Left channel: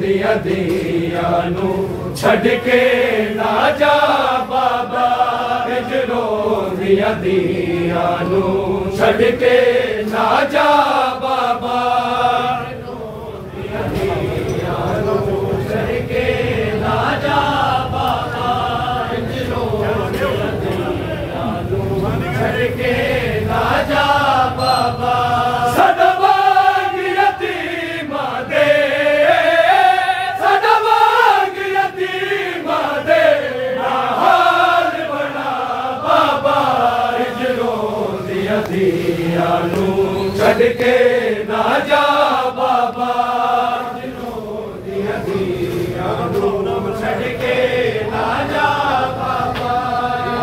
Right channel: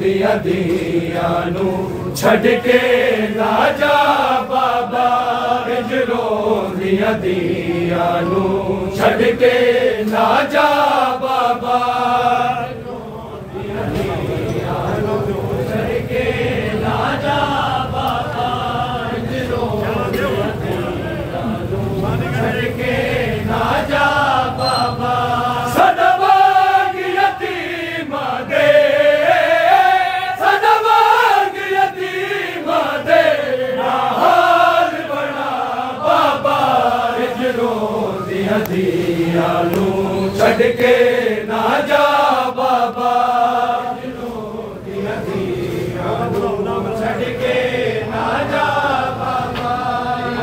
दिया दिया नू छड़ के ना जा बाबा हिजरो दिया दिया नू छड़ के ना जा बाबा दिया दिया नू छड़ के ना जा बाबा हिजरो दिया दिया नू छड़ के ना जा बाबा दियालू छड़ के ना जा बाबा दिया दियालू छड़ के ना जा बाबा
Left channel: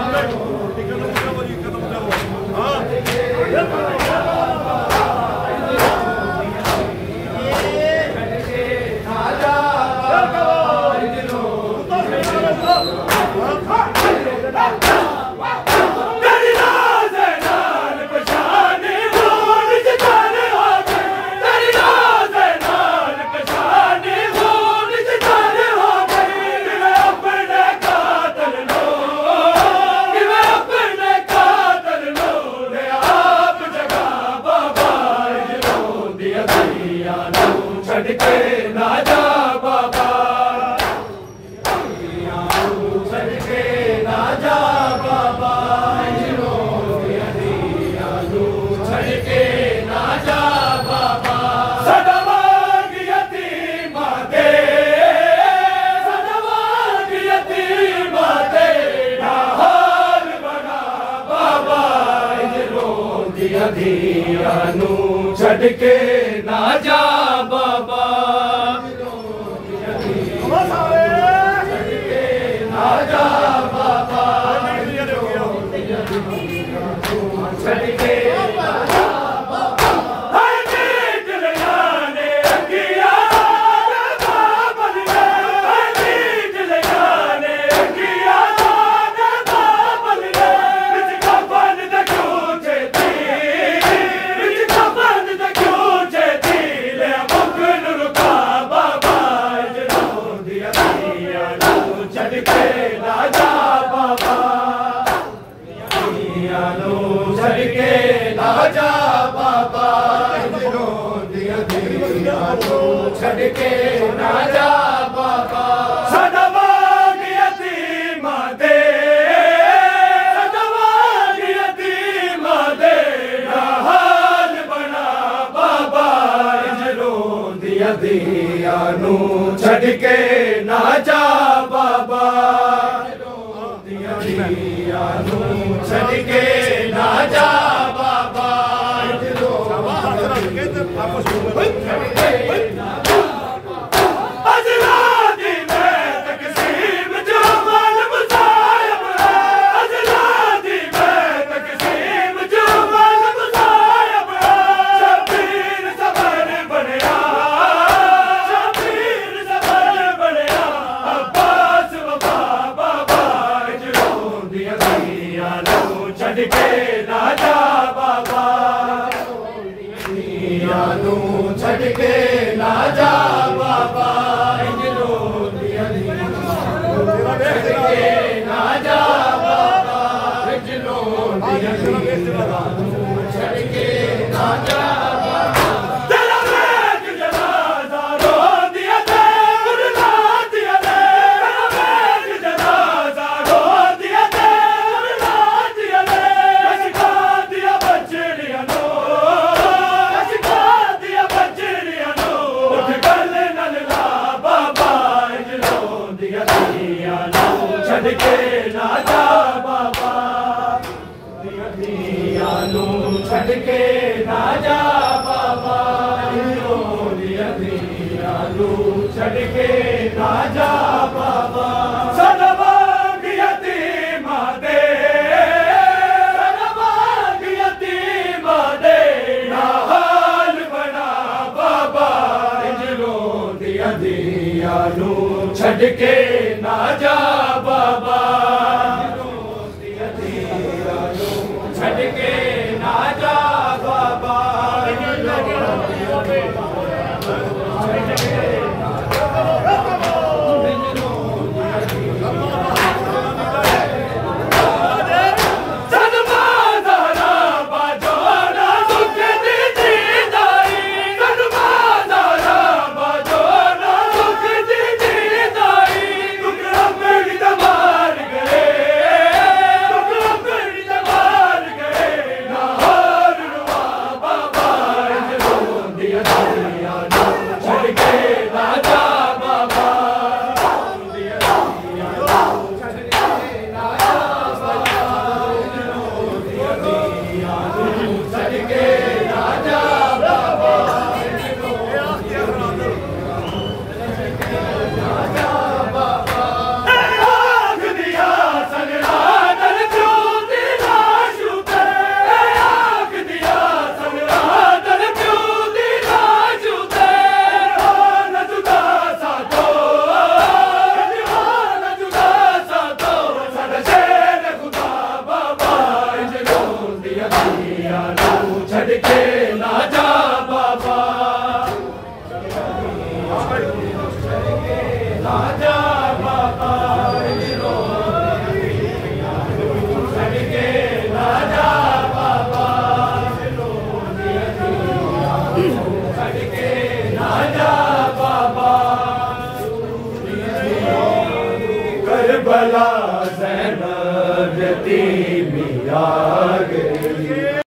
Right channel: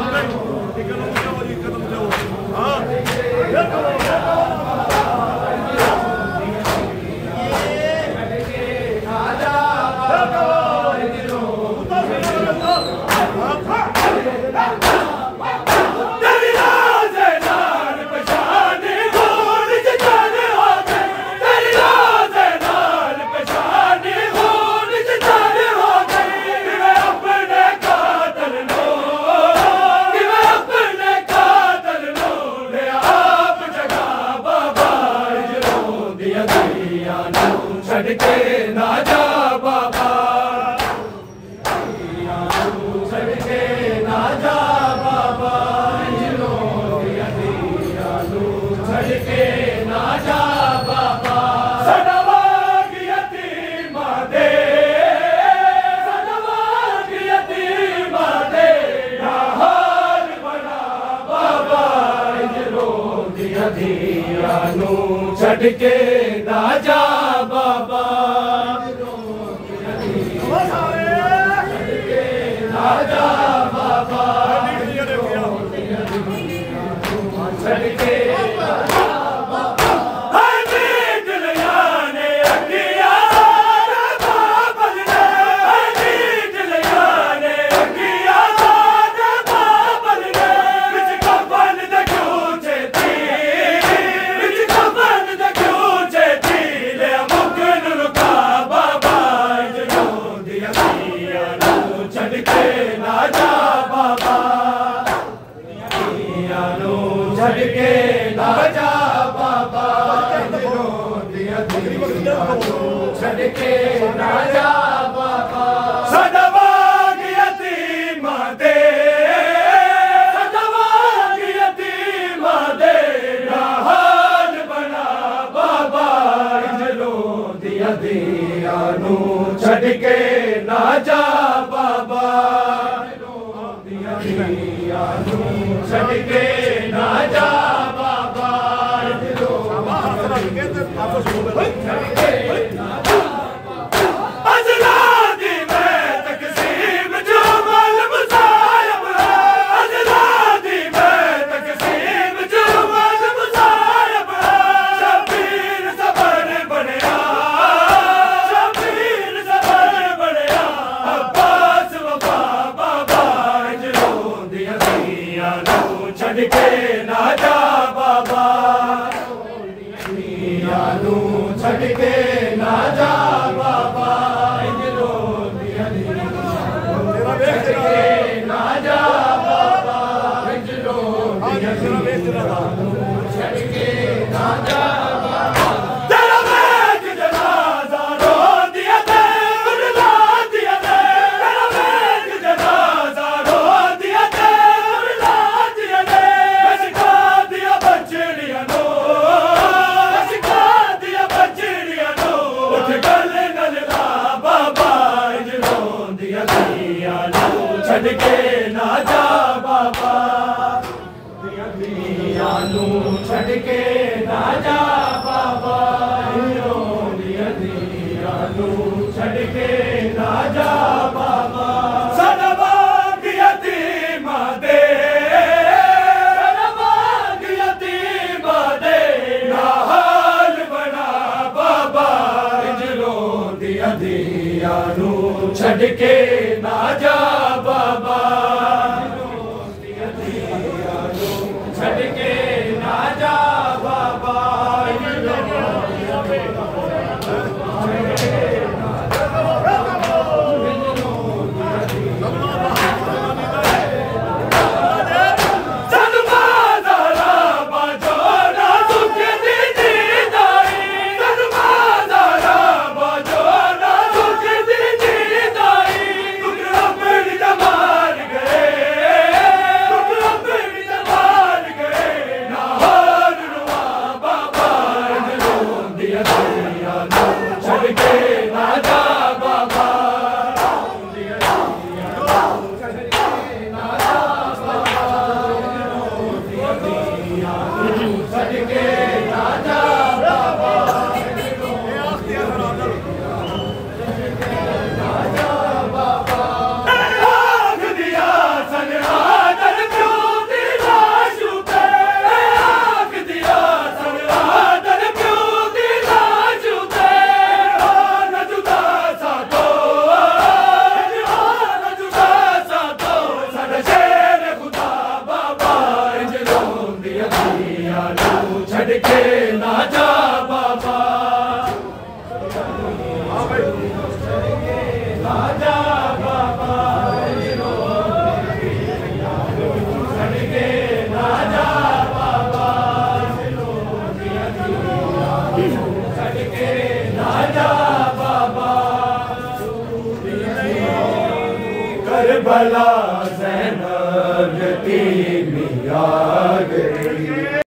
छड़ के ना जा बाबा छड़ के ना जा बाबा छड़ के ना जा बाबा सदावाग यतीमा दे सदावाग यतीमा दे हाल बना बाबा दिया दिया नू छड़ के ना जा बाबा ना जा बाबा छड़ के छड़ के ना जा बाबा दिया दिया छड़ के ना जा बाबा सदावाग यतीमा दे सदावाग यतीमा दे हाल बना बाबा हिजरो दिया दिया नू छड़ के ना जा बाबा दिया दिया नू छड़ के ना जा बाबा अजलादी में तकसीम जो माल मुसायब अजलादी में तकसीम जो माल मुसायब शबीर सबर बनया शबीर सबर बनया अब्बास वफा बाबा हिजरो दिया दिया नू छड़ के ना जा बाबा दियालू छड़ के ना जा बाबा हिजरो दिया दिया छड़ के ना जा बाबा हिजरो दिया दिया छड़ के ना जा छड़ के ना जा बाबा दिया दियालू छड़ के ना जा बाबा दिया दियालू छड़ के ना जा बाबा सदावाग यतीमा दे सदावाग यतीमा दे हाल बना बाबा हिजरो दिया दियालू छड़ के ना जा बाबा छड़ के ना जा बाबा छड़ के ना जा बाबा, ना जा बाबा, छड़ के ना जा बाबा, छड़ के ना जा बाबा। करबला ज़ैनब यतीमी आ गई।